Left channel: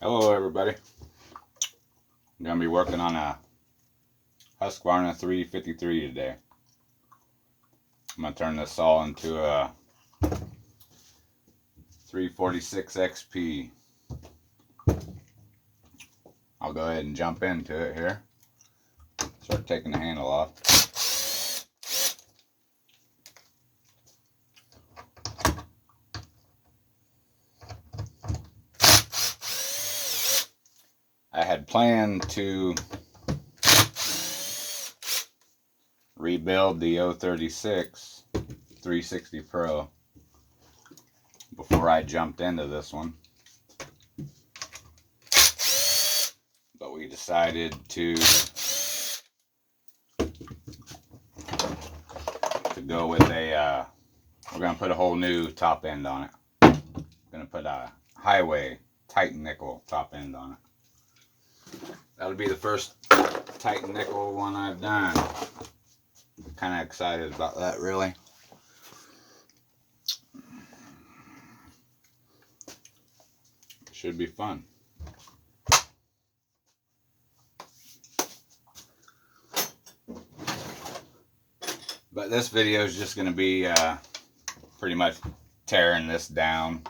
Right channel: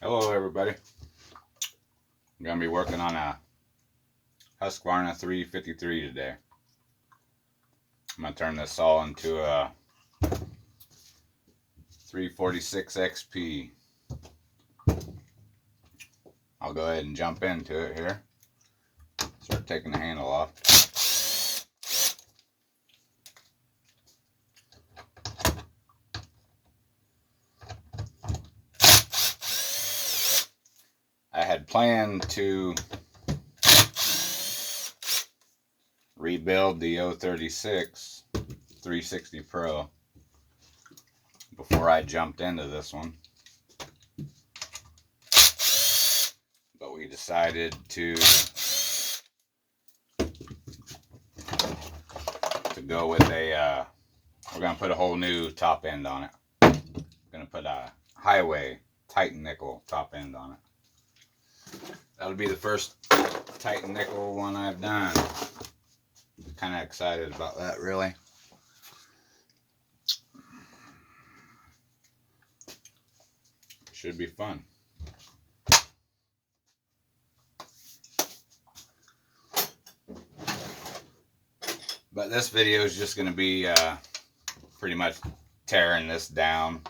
Hello everybody. I'm going to be working on a Husqvarna 353 today. I'm going to turn this all into a 346 XP. I'll go ahead and jump into it here. Start taking the handle off. I had planned to rebuild the 036 360 Pro before I jumped into this one, but we decided to go with a we're going to put a whole new top end on it. We're going to put a Highway Titan nickel top end on it. That'll be the first Titan nickel one I've done. Kind of excited about that, really. Should be fun. But this video is just going to be pretty much tearing this down.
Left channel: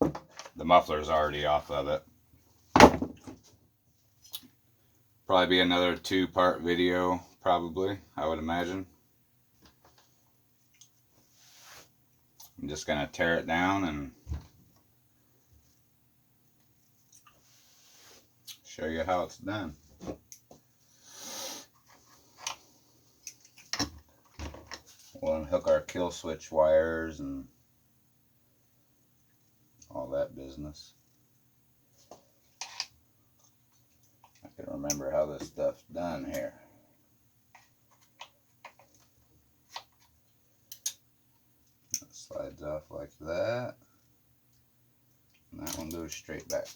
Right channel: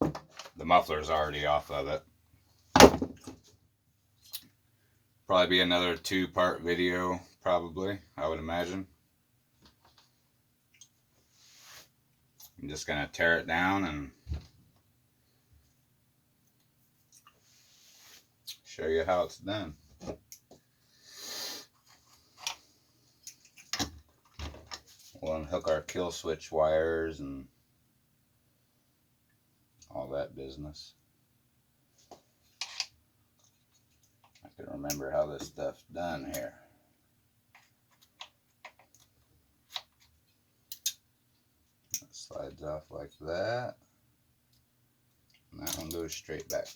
The muffler's already off of it. Probably be another 2-part video, probably, I would imagine. I'm just going to tear it down and show you how it's done. We'll unhook our kill switch wires and all that business. I can remember how this stuff's done here. That slides off like that, and that one goes straight back.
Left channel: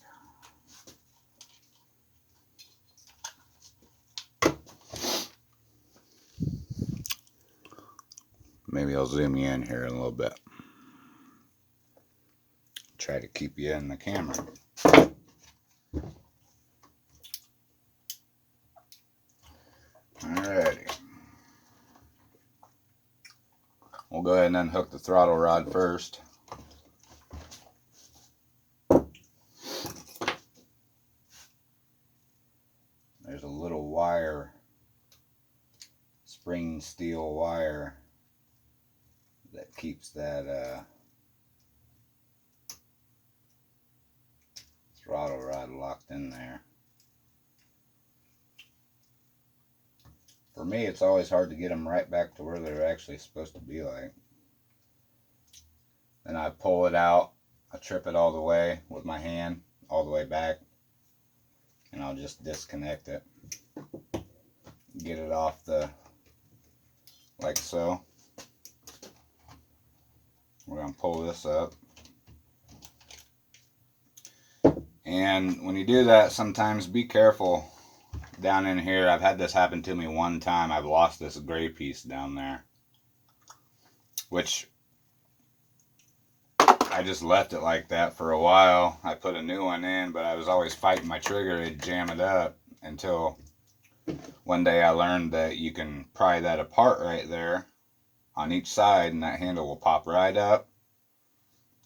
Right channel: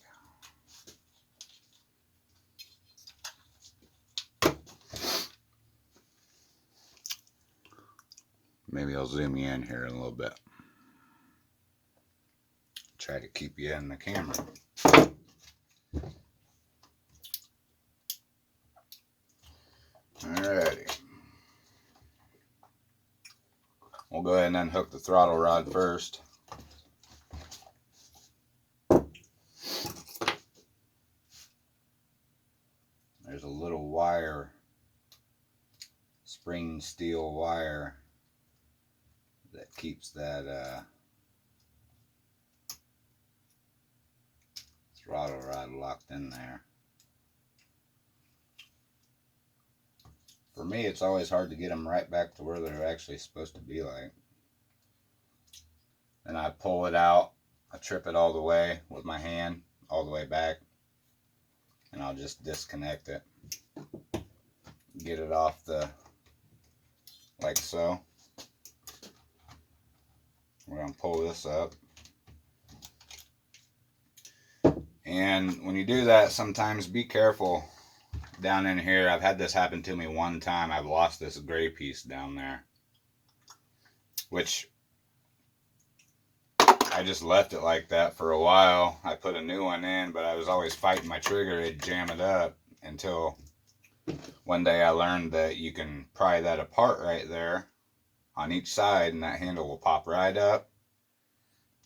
Maybe I'll zoom you in here in a little bit. Try to keep you in the camera. Alrighty. We'll go ahead and unhook the throttle rod first. There's a little wire, spring steel wire, that keeps that throttle rod locked in there. For me, it's always hard to get them right back to where they're actually supposed to be like. Then I pull it out, I trip it all the way with my hand, all the way back, and I'll just disconnect it. Get it off like so. We're going to pull this up. And when you do that, sometimes be careful down in here. I've had this happen to me one time. I've lost this gray piece down there, which I just left it like that for a while. I put a new one in, but I was always fighting my trigger to jam it up until one day I learned that you can pry that apart right there on each side and that handle will pop right up.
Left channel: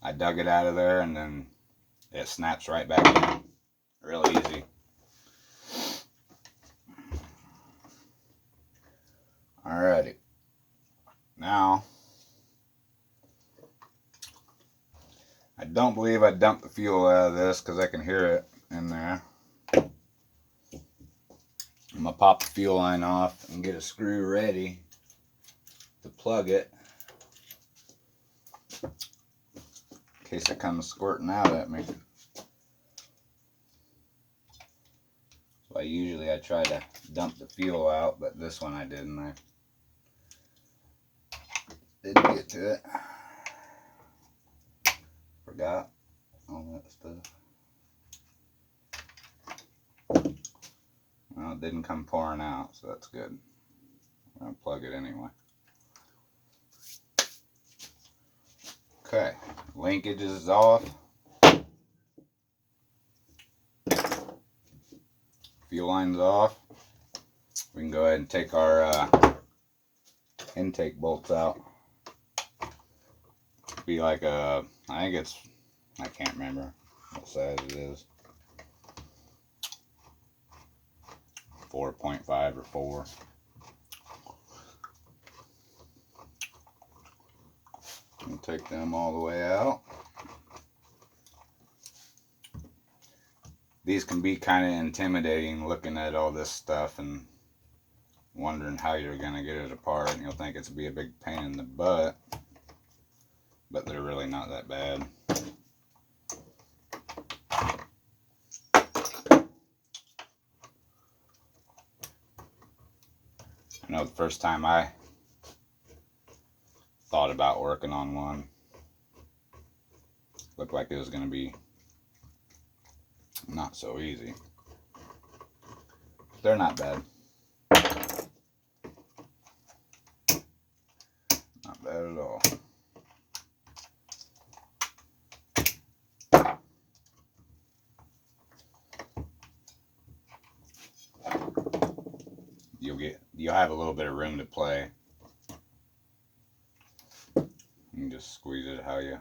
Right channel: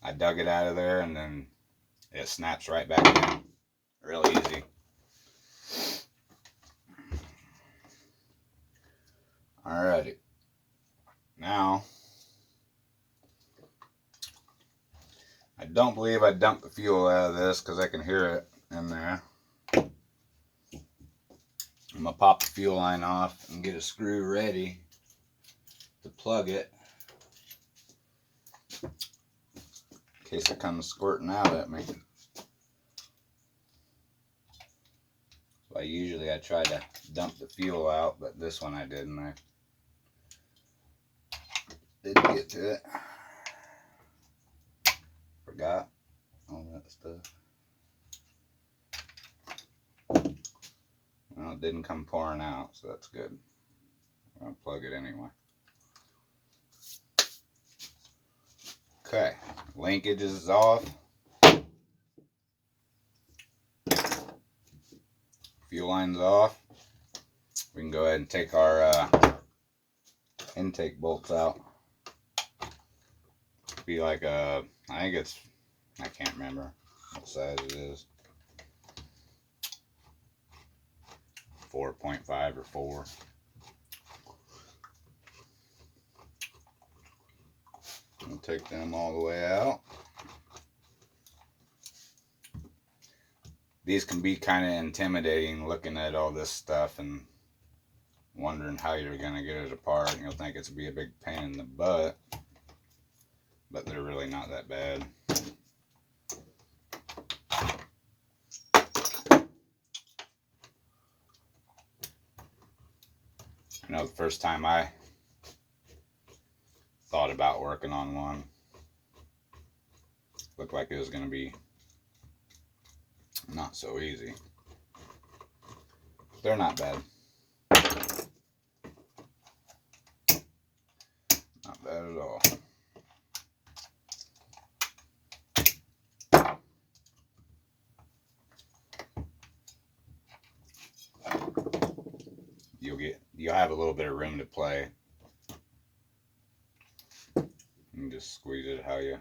I dug it out of there and then it snaps right back in. Real easy. Alrighty. Now, I don't believe I dumped the fuel out of this because I can hear it in there. I'm going to pop the fuel line off and get a screw ready to plug it in case it comes squirting out at me. So I try to dump the fuel out, but this one I didn't. I didn't get to it. Forgot all that stuff. Well, it didn't come pouring out, so that's good. I'm going to plug it anyway. Okay, linkage is off. fuel lines off. We can go ahead and take our intake bolts out. Be like a, I think it's, I can't remember what size it is. 4.5 or 4. We'll take them all the way out. These can be kind of intimidating, looking at all this stuff and wondering how you're going to get it apart. You'll think it's be a big pain in the butt, but they're really not that bad. I know the first time I thought about working on one, looked like it was going to be not so easy. They're not bad. Not bad at all. You'll have a little bit of room to play. You can just squeeze it how you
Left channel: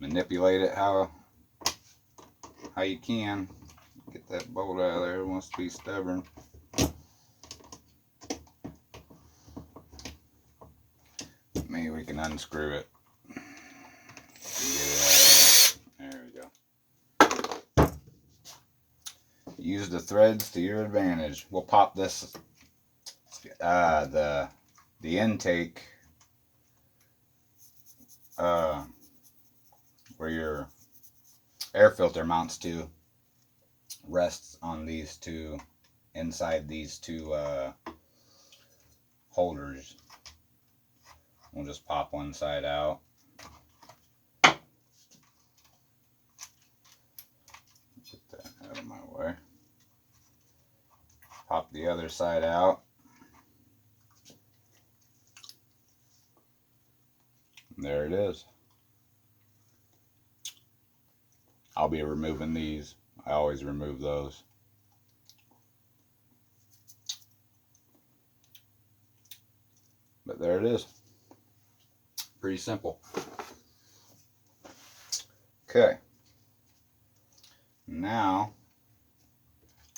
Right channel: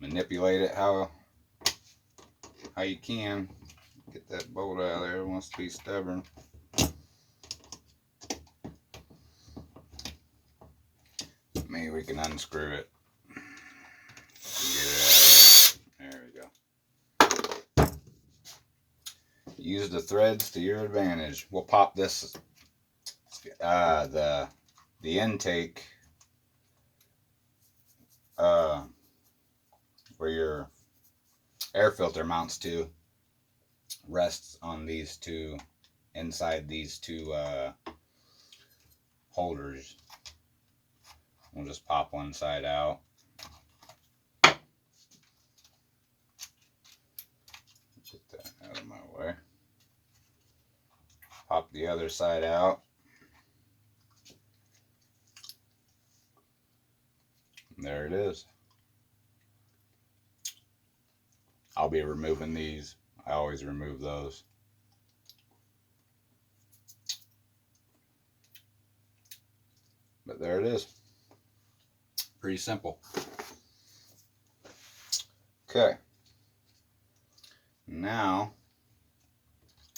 manipulate it how you can. Get that bolt out of there. It wants to be stubborn. Maybe we can unscrew it. There we go. Use the threads to your advantage. We'll pop this the intake where your air filter mounts to rests on these two, inside these two holders. We'll just pop one side out. Get that out of my way. Pop the other side out. And there it is. I'll be removing these. I always remove those. But there it is. Pretty simple. Okay. Now,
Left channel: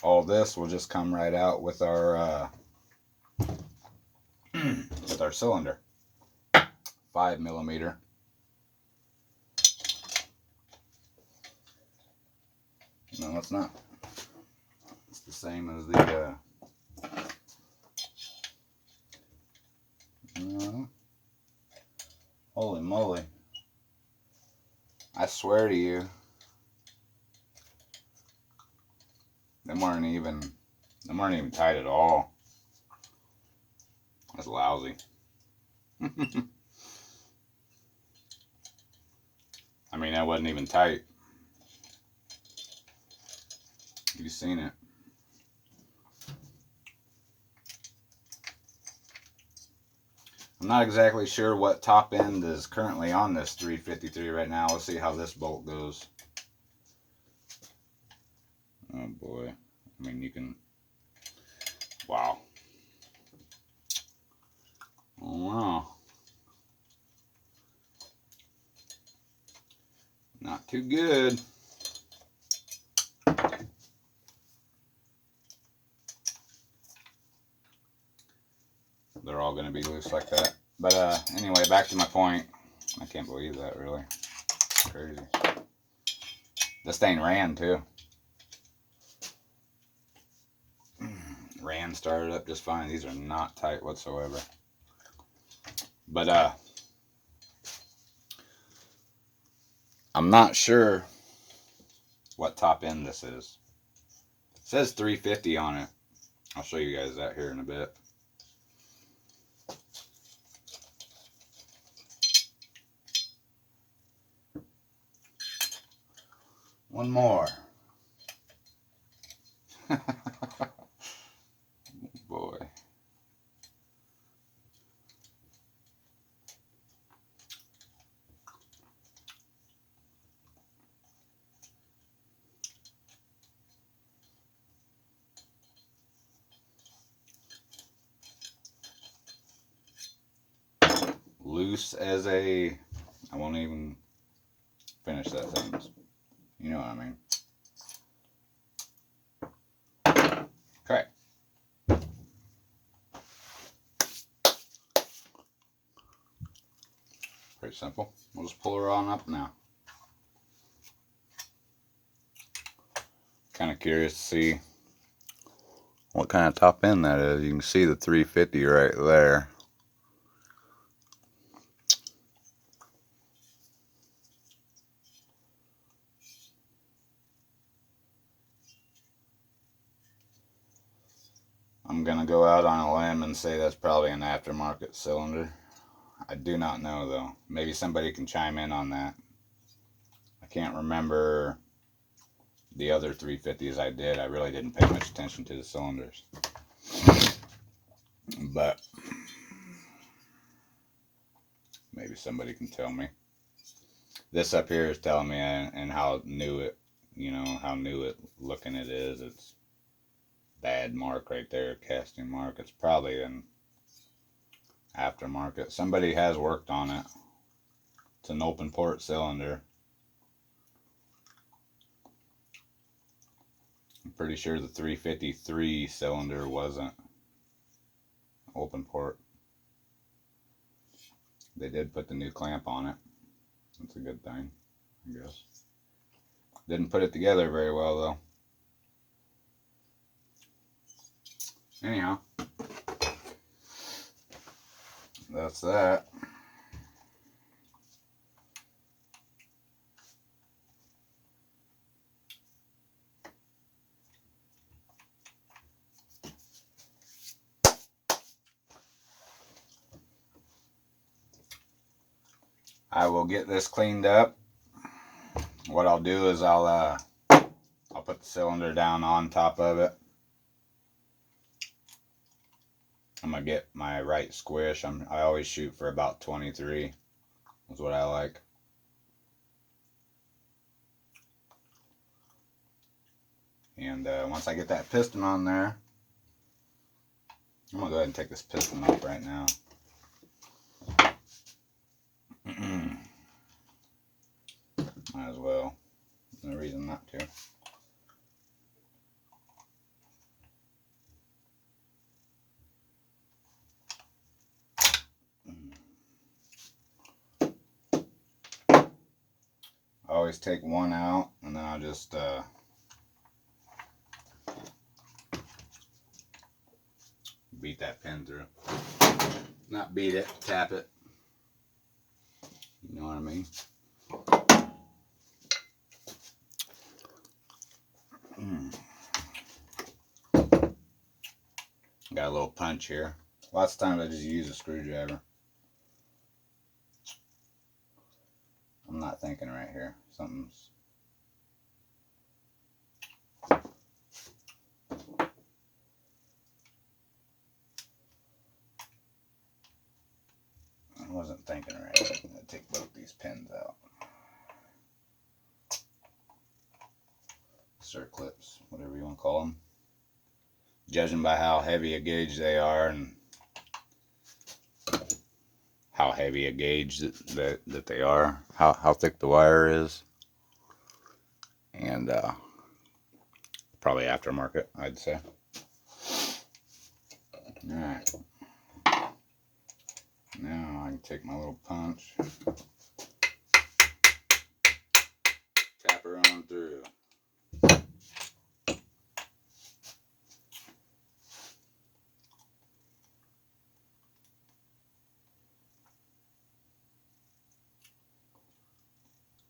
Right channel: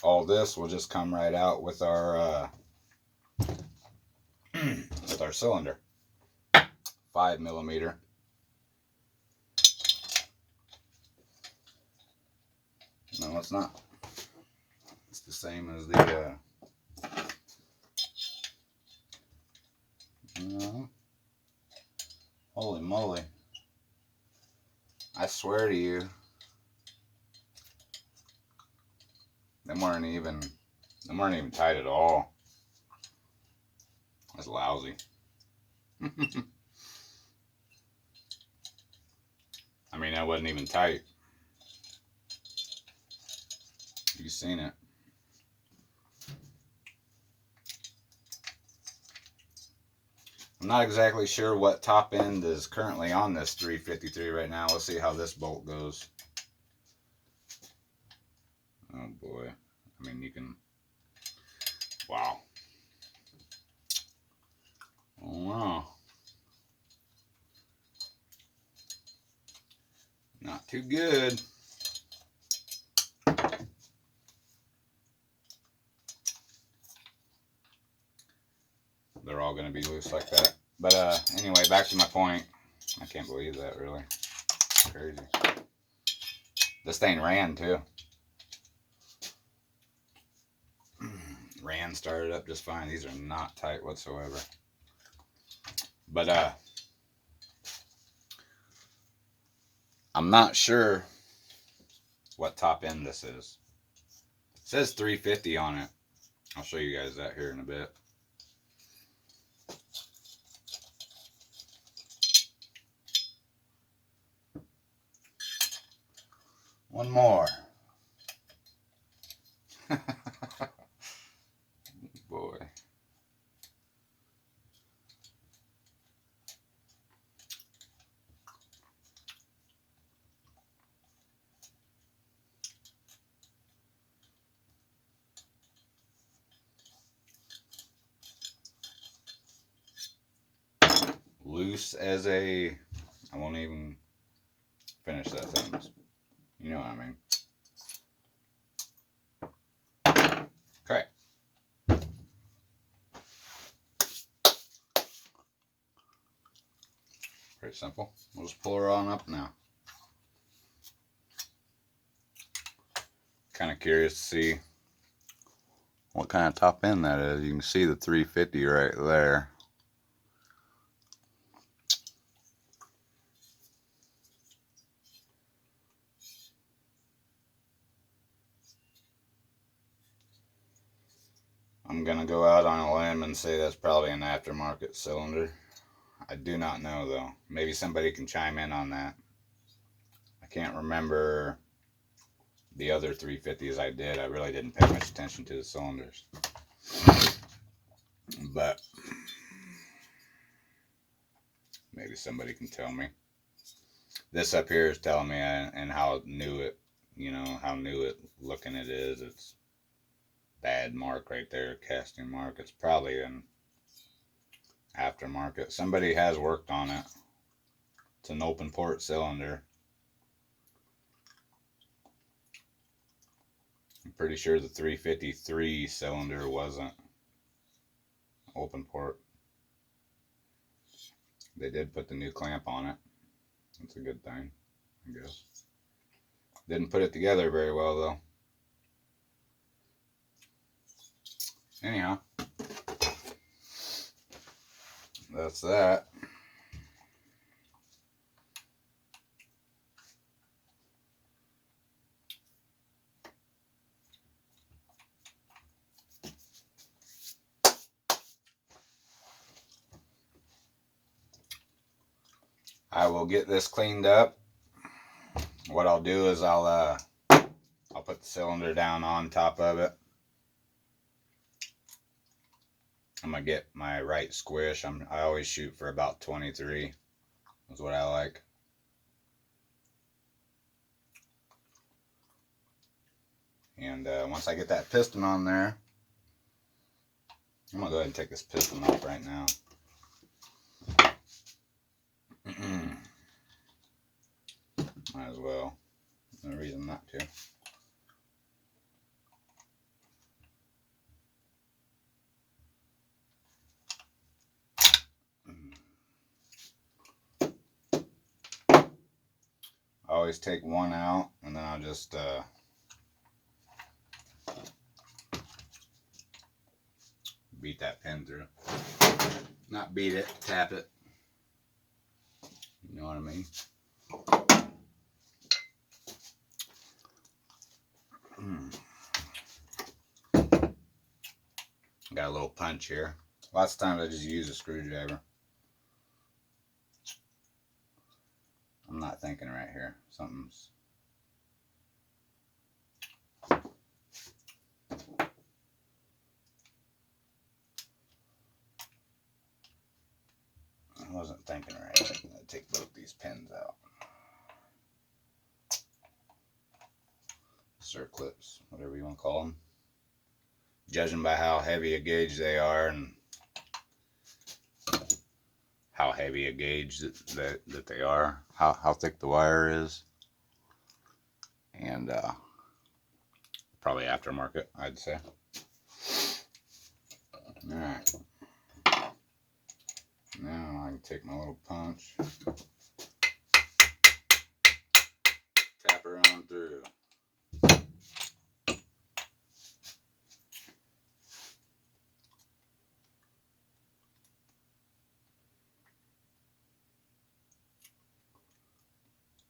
all this will just come right out with our cylinder. 5mm. No, it's not. It's the same as the holy moly. I swear to you, them weren't even tight at all. That's lousy. I mean, that wasn't even tight. You've seen it. I'm not exactly sure what top end is currently on this 353 right now. Let's see how this bolt goes. Oh boy. I mean, you can... Wow. Oh wow. Not too good. They're all going to be loose like that. But anyway, back to my point. I can't believe that, really. It's crazy. This thing ran too. Ran, started up just fine. These are not tight whatsoever. But I'm not sure what top end this is. It says 350 on it. I'll show you guys that here in a bit. One more. Boy. use as a, I won't even finish that sentence. You know what I mean. Okay. Pretty simple. We'll just pull her on up now. Kind of curious to see what kind of top end that is. You can see the 350 right there. I'm going to go out on a limb and say that's probably an aftermarket cylinder. I do not know though. Maybe somebody can chime in on that. I can't remember the other 350s I did. I really didn't pay much attention to the cylinders. But maybe somebody can tell me. This up here is telling me and how new it, you know, how new it looking it is. It's bad mark right there, casting mark. It's probably an aftermarket. Somebody has worked on it. It's an open port cylinder. I'm pretty sure the 353 cylinder wasn't open port. They did put the new clamp on it. That's a good thing, I guess. Didn't put it together very well though. Anyhow, that's that. I will get this cleaned up. What I'll do is I'll put the cylinder down on top of it. I'm gonna get my right squish. I always shoot for about 23. That's what I like. And once I get that piston on there, I'm gonna go ahead and take this piston off right now. Might as well. No reason not to. I always take one out and then I'll just beat that pin through. Not beat it, tap it. You know what I mean? Got a little punch here. Lots of times I just use a screwdriver. I'm not thinking right here. Something's... I wasn't thinking right. I'm going to take both these pins out. Circlips, whatever you want to call them. Judging by how heavy a gauge they are and how heavy a gauge that they are, how thick the wire is, and probably aftermarket, I'd say. Alright, now I can take my little punch, tap her on through.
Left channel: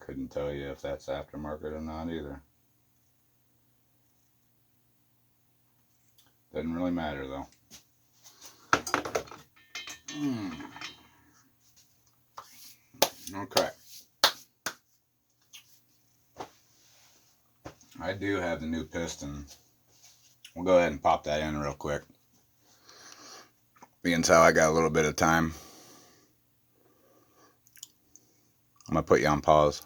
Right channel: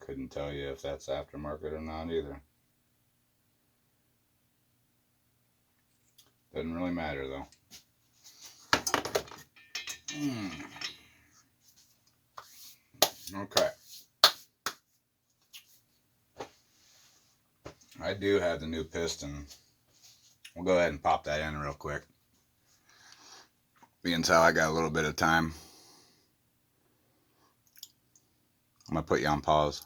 Couldn't tell you if that's aftermarket or not either. Doesn't really matter though. Okay. I do have the new piston. We'll go ahead and pop that in real quick. Being how I got a little bit of time, I'm going to put you on pause.